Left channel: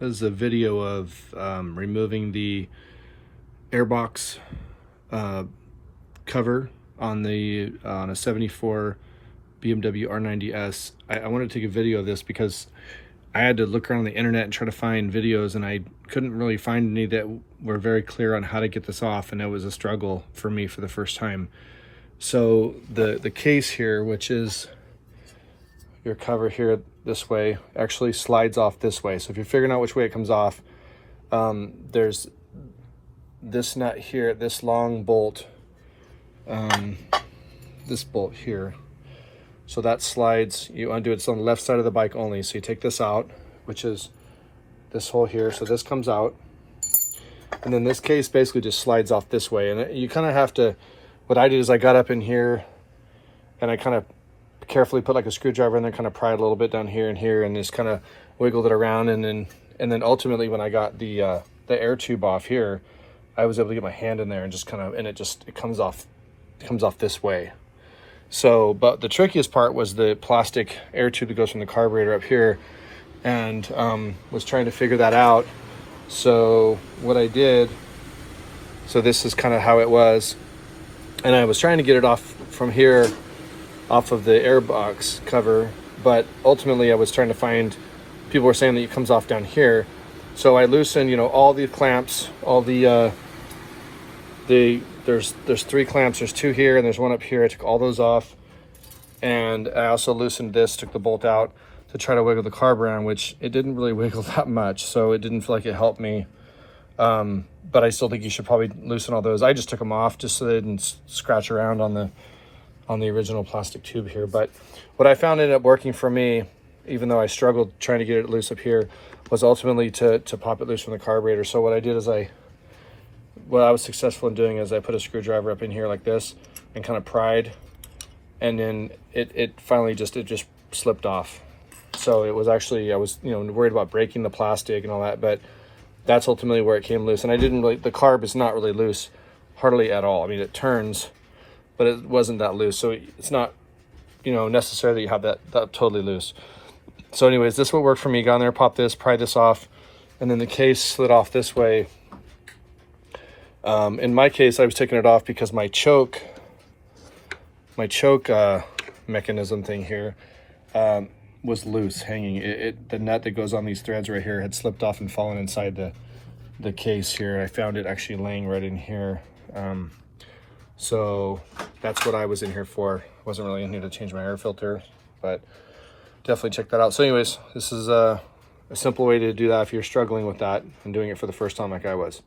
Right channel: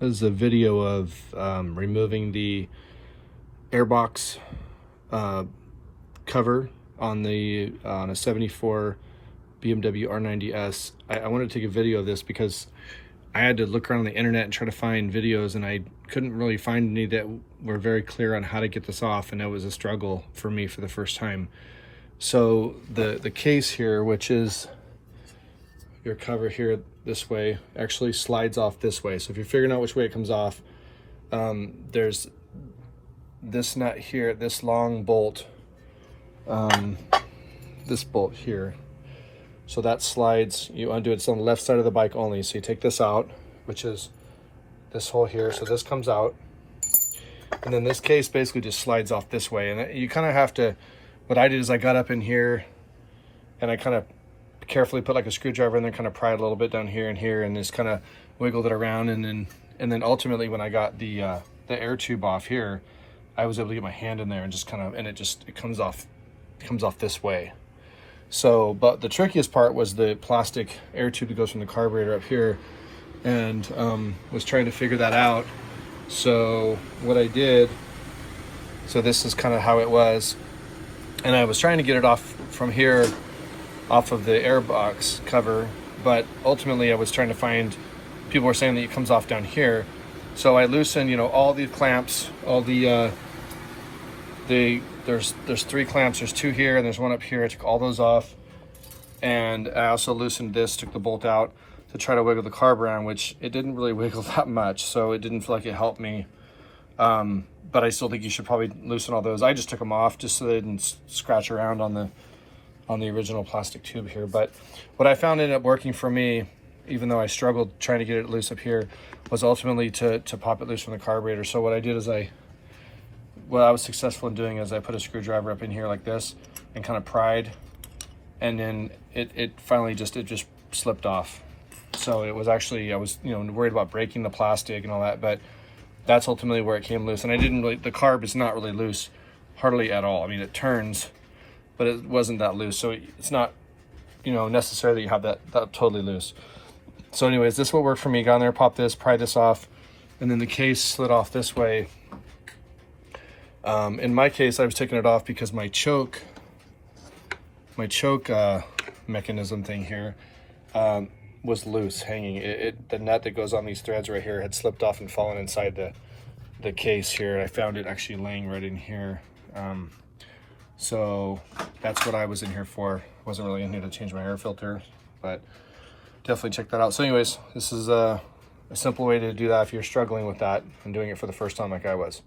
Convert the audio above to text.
This is a video of removing the airbox cover on a 74 BMW R90S. I wanted to take a video of this because I had to look around the internet and try to find videos, and I couldn't really find any that were very clear on how to get this off, and it was a struggle for me for the first time. So the case here, which is your cover here this way, actually slides off this way. So if you're figuring out which way it comes off, there's this nut here, this long bolt, this bolt here. So that slides, you undo it. It's on the left side of the bike only. So you take this out, which is this hole here. So this comes out. And then this case basically just slides off this way. And you kind of have to, what I did is I got up in here and I kind of carefully put like a screwdriver and then kind of pry it a little bit down here and here, and just kind of wiggled it around. And then ultimately when I got the air tube off here, I was able to get my hand in there and just kind of, and it comes off this way. So, but the trickiest part was the plastic air tube that goes from the carburetor up here, and was trying to figure that out. So what I did, so this is kind of how it was, and I was trying to get it off from here, off of the airbox cover, but ultimately I was trying to find, people were saying that it comes off down here. So I loosened, all the clamps, all there's 3 clamps, there's 2 here and there's 1 up here. I took all those off, and I also loosened this, took the bolt out to try to wiggle the carb around, which it didn't really wiggle that much, so it didn't feel like it helped me. But I still think you should probably loosen all those. I just took them off just so they didn't scratch around on the original plastic tube here. But what I found ended up working for me, even though I struggled trying to get it loose up here, was ultimately to pop it loose from the carburetor. So what I did is what I was successful in doing is I put a screwdriver up in here like this and kind of pried, and then it finally just slipped off. So it was actually, I was worried about breaking the plastic and all that, but that's ultimately where it came loose. And I didn't really, the carb is not really loose hardly at all. I mean, it turns, but it wasn't that loose. So it's not, necessarily you have that totally loose. So anyways, this is what worked for me. Got in there, popped this, pried this off, and then the case slid off this way. In my case, I was taking it off because my choke mechanism thing here was loose, hanging. The nut that goes on these threads right here had slipped off and fallen inside the case here. I found it actually laying right in here. So that's what I was in here for. Wasn't really in here to change my air filter, but definitely check that out. So anyways, this is a simple way to do that if you're struggling with that and doing it for the first time like I was.